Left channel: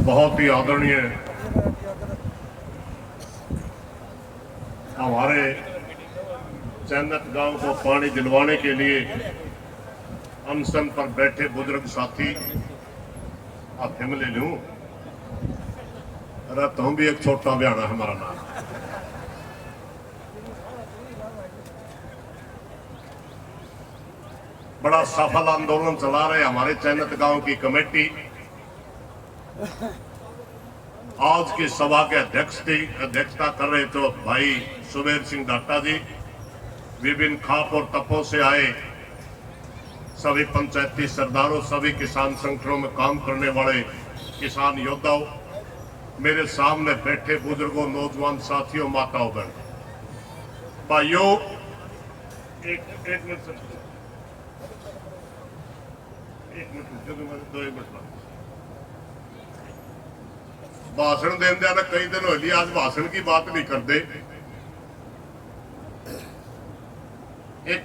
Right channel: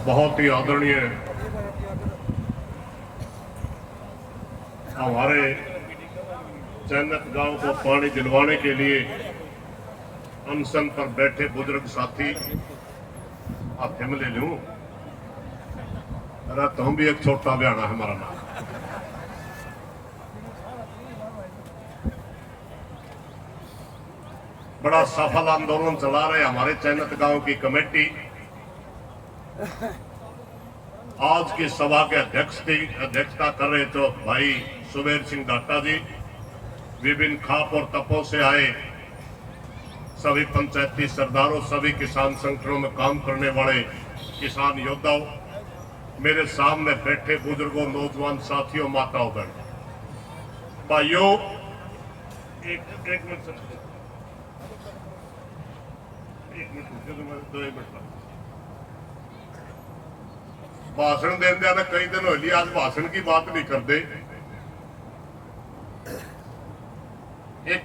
बहुत ही आदरणीय हमारे चैनत गांव को पानी दिलवाने के लिए अनशन पर बैठे बुजुर्ग साथी आप ले लूं। अरे तुम भी एक छोटा बयाना है हमारा नाम। बड़ा सफल आंदोलन चला रहे हमारे चैनत गांव की कमेटी। आज की सभा के अध्यक्षता कर रहे तो भाई सुबेर सिंह डाटा जी, विभिन्न खाप और तपों से आए सभी पंचायती सरदारों, सभी किसान संगठनों में काम करने वाले किसान योद्धाओं, मेरे सामने बैठे बुजुर्गों, नौजवान साथियों, माताओं, बहन भाइयों, एक मिनट 2 मिनट भाषण देने तो कई दिन हो लिए, आज भाषण की बात नहीं करते। एक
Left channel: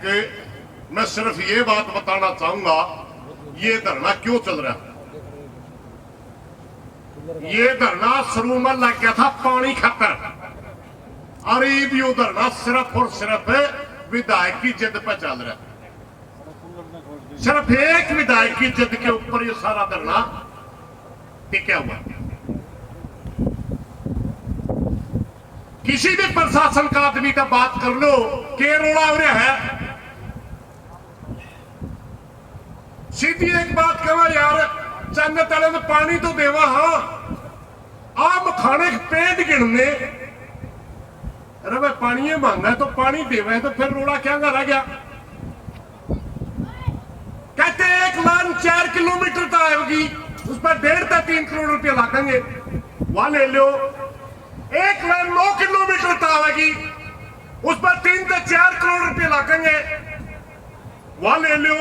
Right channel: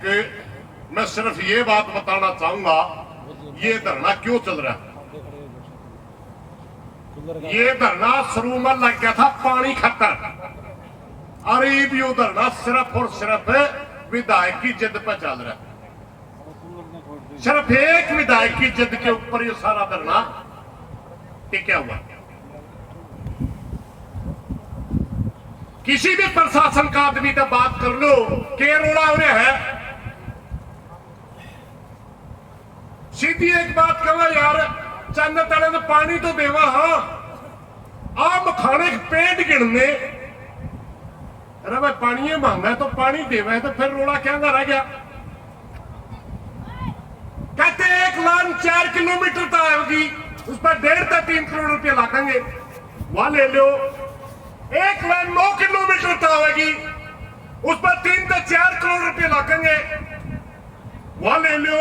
मैं सिर्फ ये बात बताना चाहूंगा, ये धरना क्यों चल रहा है। ये धरना शुरू में लग गया था पानी खातर, और ये भी धरना सिर्फ और सिर्फ विधायक की जिद पर चल रहा है। सिर्फ एक विधायक की जिद के ऊपर ये सारा धरना टिका हुआ। किसी भी प्रशासन का आदमी का बात कर लो, केरला हो रहा है। सीधी एक बात कहो यार, चन्नत वाले में पानी तो देवा। हाँ, आप खाने पेट गिनने, अरे भाई पानी मांगा है तो पानी देवा है, तो फिर रोड़ा क्या रह गया। कहते 1 लाइन 4 किलोमीटर तक आएगी, उस पर 1.5 से 3 करोड़ रुपए लागेंगे। वहां ले लो 1 लाइन 9 किलोमीटर तक आएगी, उस पर 3 से 4 करोड़ रुपए लागेंगे। वहां ले लो।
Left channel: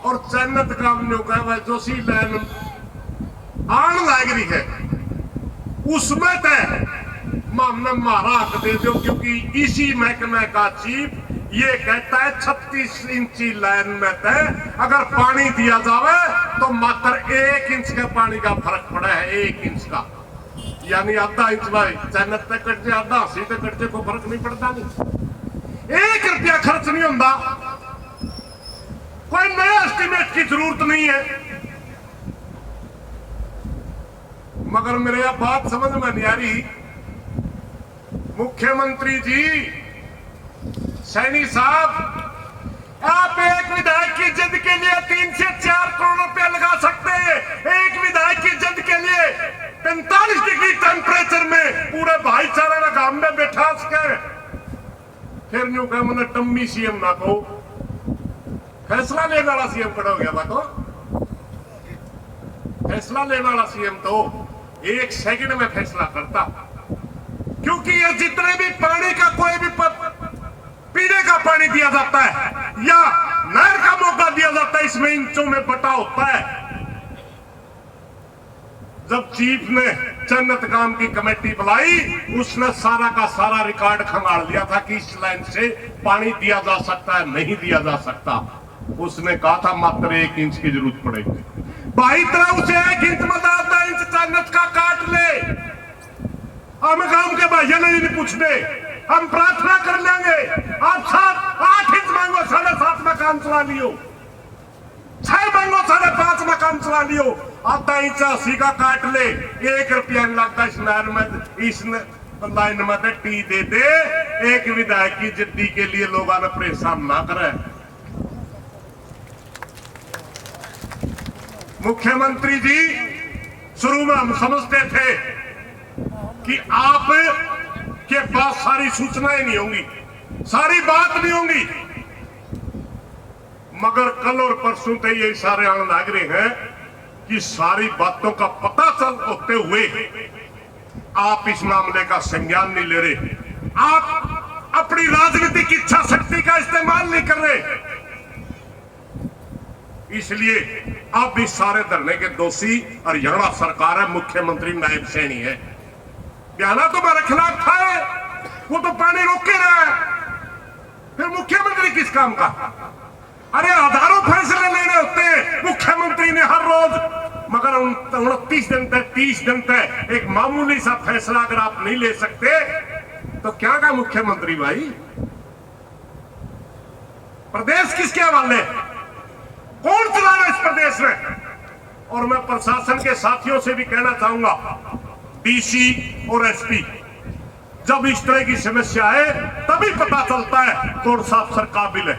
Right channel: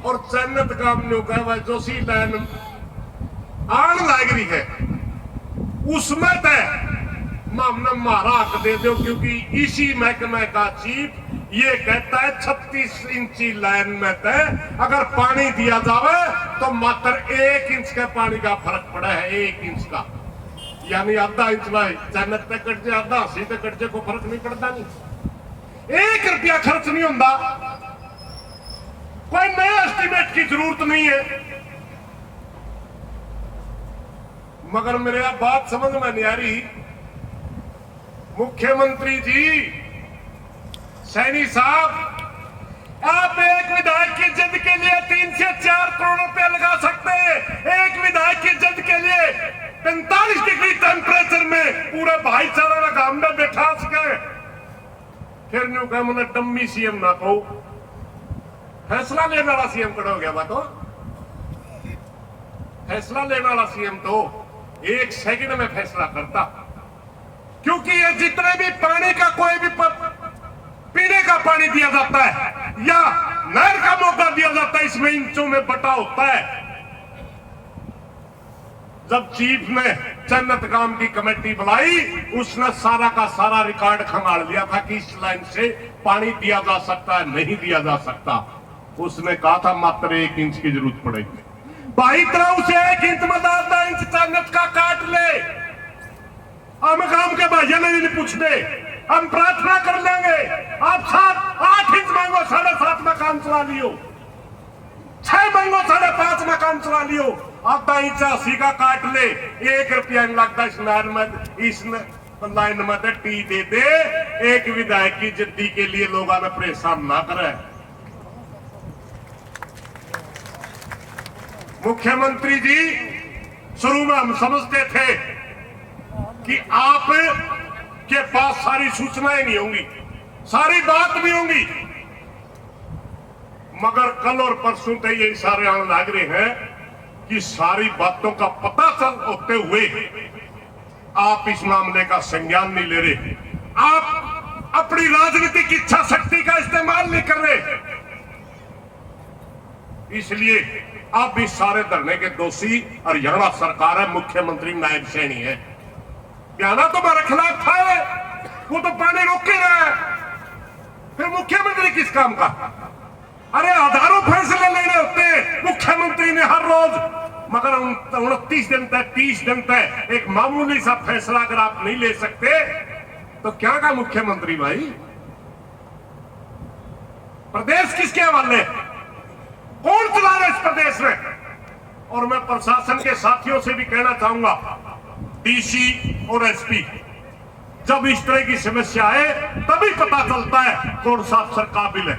और चन्नत काम ने कहा भाई जो सी लाइन आन लाग रही है उसमें तय हमने मारा हक दे दो, क्योंकि इसी महकमे का चीफ ये कहता है 36 इंची लाइन में तय अगर पानी दिया जावे तो मात्र 1 इंच के पानी का फर्क पड़ा है, 1 इंच का, यानी आधा इंच। भाई चन्नत तक कट जाए, आधा सी तक कट जाए, को फर्क नहीं पड़ता। नहीं 1 रुपया खर्च नहीं होता, कोई नए एस्टीमेट की जरूरत नहीं है। मगर मेरे बात समझ में नहीं आ रही। मुख्यमंत्री जी, सैनी साहब, आप एक विधायक की जिद के लिए 3 से 4 करोड़ रुपए लगा सकते हैं। एक विधायक की जिद के लिए 45 डिग्री टेम्परेचर में पूरे भाईचारा का गांव में बैठा सके। फिर न्यू कहा मैंने टम्मी सीएम ना कहो, फैसला लेने वाला सीएम खड़ा हो गया। बात फैसला लेने वाला सीएम तो 1 सेकंड में फैसला करता, क्योंकि ये जितने भी पानी का कोई भी पीने का पानी दिया जाता है या नहर का मौका दिया जाता है, इसमें इंचों में बटा होता है। जब चीफ ने चन्नत गांव की कमेटी बुलाई, उसने सारा का सारा रिकॉर्ड खंगाल लिया था कि इस लाइन से पानी दिया जा सकता है, नहीं दिया जा सकता। उसने कहा था मात्र 1 इंच की जरूरत पड़ेगी। भाई तरह उसे 1 इंच में 10 इंच चन्नत का काट ले, हम गांव के भाइयों ने नहीं पूछते, हम प्रार्थना कर लेंगे। आप 7-8 इंच मांगो, 7.5 में काम चला लियो, 6 मांगो, 5.5 में काम चला लियो। आधा इंच 80 का काट ले, 1 रुपया लगता इस नहर में, इस लाइन में टी दे दे। एक विधायक की जिद्दी के लिए लोग परेशान ना करें। मुख्यमंत्री जी, शुरू में हम समझते थे कि आप के पास सारी सूचनाएं नहीं होंगी, सारी बात नहीं होंगी, मगर कल और परसों से ये इशारे आने लग रहे हैं कि सारी बातों का पता चल होते हुए आप इस मामले का संज्ञान नहीं ले रहे। आप अपनी राजनीतिक इच्छा शक्ति का इस्तेमाल नहीं कर रहे। इसलिए अब इस सारे धरने के दोषी हरियाणा सरकार है, मुख्यमंत्री नायब सैनी है। बयाना तो मेरे खिलाफ था, वो तो पानी रोक के रहा है, फिर मुख्यमंत्री किस काम का। अरे हजारों फैसले लेने होते हैं, मुख्यमंत्री ने हर रोज मगर 29 दिन तक 30 दिन तक एक मामूली सा फैसला अगर आप नहीं ले सकते तो क्या का मुख्यमंत्री भाई? प्रदेश किसके हवाले? कौन चला रहा है इस प्रदेश में? और मैं प्रशासन के साथियों से भी कहना चाहूंगा, डीसी और एसपी, जब इस तरह की समस्या है तभी पता चलता है कौन सा अफसर काबिल है,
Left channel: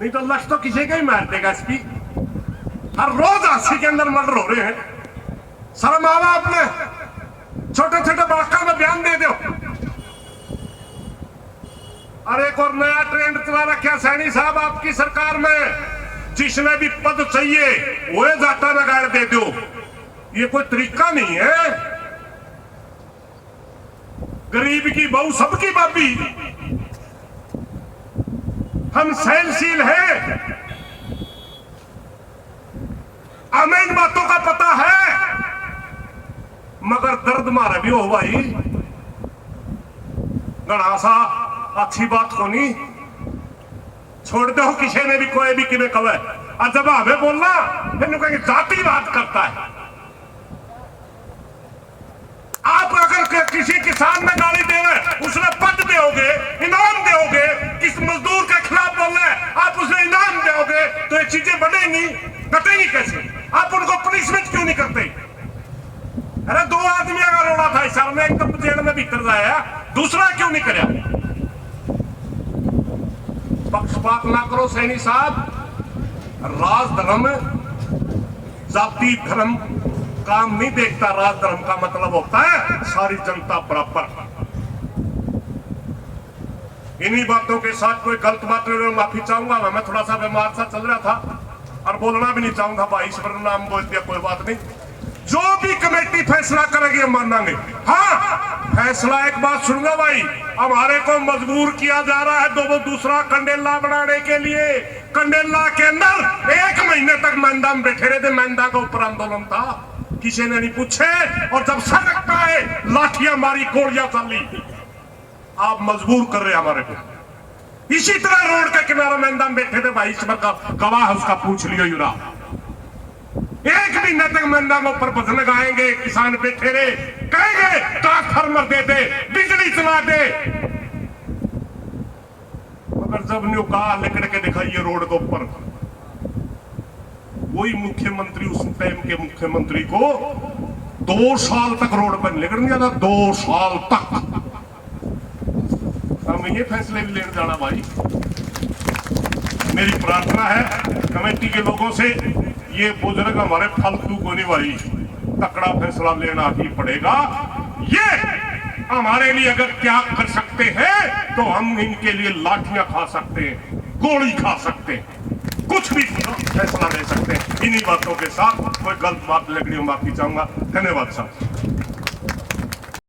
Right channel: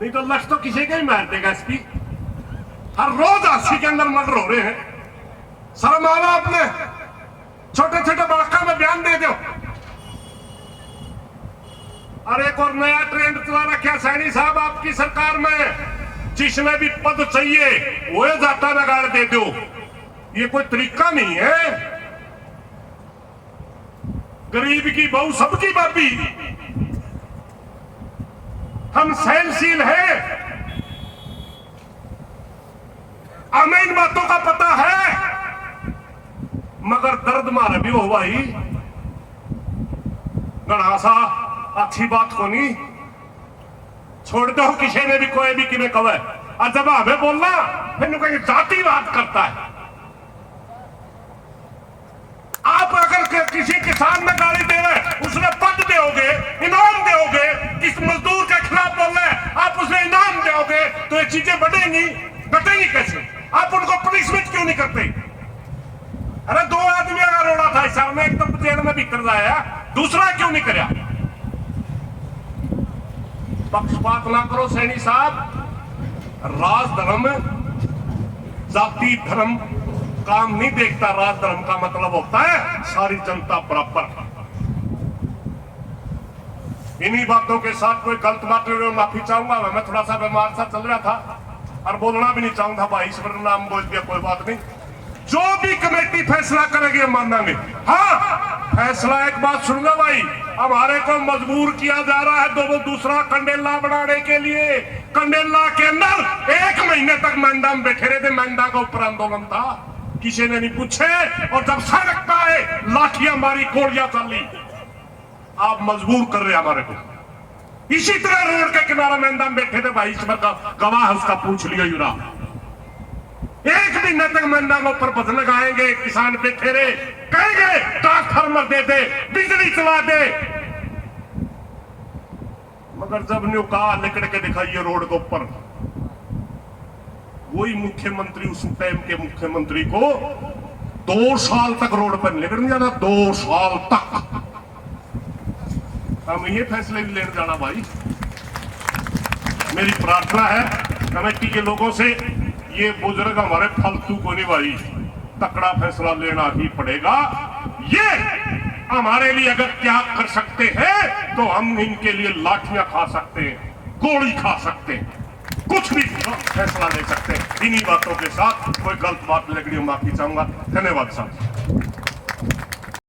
नहीं तो लक्ष्य तो किसी का ही मार देगा। एसपी हर रोज 80 के अंदर मर्डर हो रहे हैं। शर्म आवा आपने, छोटे छोटे वाक्य में बयान दे दो। और एक और नया ट्रेंड चला रखा सैनी साहब आपकी सरकार में, जिसमें भी पद चाहिए वो जाता लगाड़ दे दो। ये कोई तरीका नहीं है। गरीब की बहू सबकी बाबी, हम सहनशील हैं, हमें इन बातों का पता है, मगर दर्द मारे भी हो भाई। गणासा अच्छी बात को नहीं छोड़ दो, किसी ने भी कोई भी किमें कहे, और जब हमें बोलना फिर कहेंगे जाति बात करता है। आप अगर किसी किसान में गाली दे रहे, उसने पद दोगे, इनाम दोगे, किस मजदूर के खिलाफ बोल रहे आप उसे इनाम दोगे, तो ये चीजें बढ़ेंगी, घटेंगी कैसे? आप उनको पनिशमेंट क्यों नहीं करते? अरे 2 आदमी अगर रोड़ा था इस में, एक तो जेल में भीतर जाया, दूसरा क्यों नहीं कराया? पक्षपात ना करो सैनी साहब। राज धर्म जाति धर्म काम नहीं देखता। राज धर्म का मतलब होता है सारी जनता बराबर। इन्हीं बातों के साथ कोई गलत बात नहीं, माफी चाहूंगा। मैं थोड़ा सा बीमार सा चल रहा था और बोलना भी नहीं चाहूंगा भाई, इस पर नाम बोल दिया, कोई बात नहीं। जो भी कमेटी फैसला करेगी हम मानेंगे। हाँ, फैसला एक बात सुनूंगा भाई, हमारे को मजबूर किया जा रहा है दूसरा कंडेला बनाने के लिए। कंडेला के अंदर 1 महीने तक मैंदा में बैठे रहे थे, मैंदा का ऊपर आंदोलन था, किसी ने नहीं पूछे, और जब सड़क पे आए लाठियां मारी, गोलियां चली। आप मजबूर कर रहे हमारे को। इसी तरह रोड के किनारे मैंदा में बैठे थे भाई, इस बार का गवाह उसका पूछ लियो युरा। 1 महीने तक मैंदा में ऊपर बस लगाएंगे, किसान बैठे रहे, कहेंगे ट्रांसफार्मर दे दे, बिजली चला दे, मगर जब ने कहा लेकर के दिखाइए रोड के ऊपर, वही मुख्यमंत्री उस टाइम के मुख्यमंत्री को 2 साल तक रोड पर लेकर नहीं जाता। 2 साल तक हम ये फैसले भी लेने जाना भाई। मेरी प्रार्थना है कमेटी के लोगों से, ये बुजुर्ग हमारे फालतू को नहीं भाई, तकड़ा फैसला लेना ही पड़ेगा। ये हमारे लिए अगर त्याग कर सकते हैं तो हम इनके लिए लाठियां खा सकते हैं, गोली खा सकते हैं, कुछ भी फैसला ले सकते हैं। इन्हीं बातों के साथ कोई गलत बात लगनी माफी चाहूंगा। धन्यवाद साहब।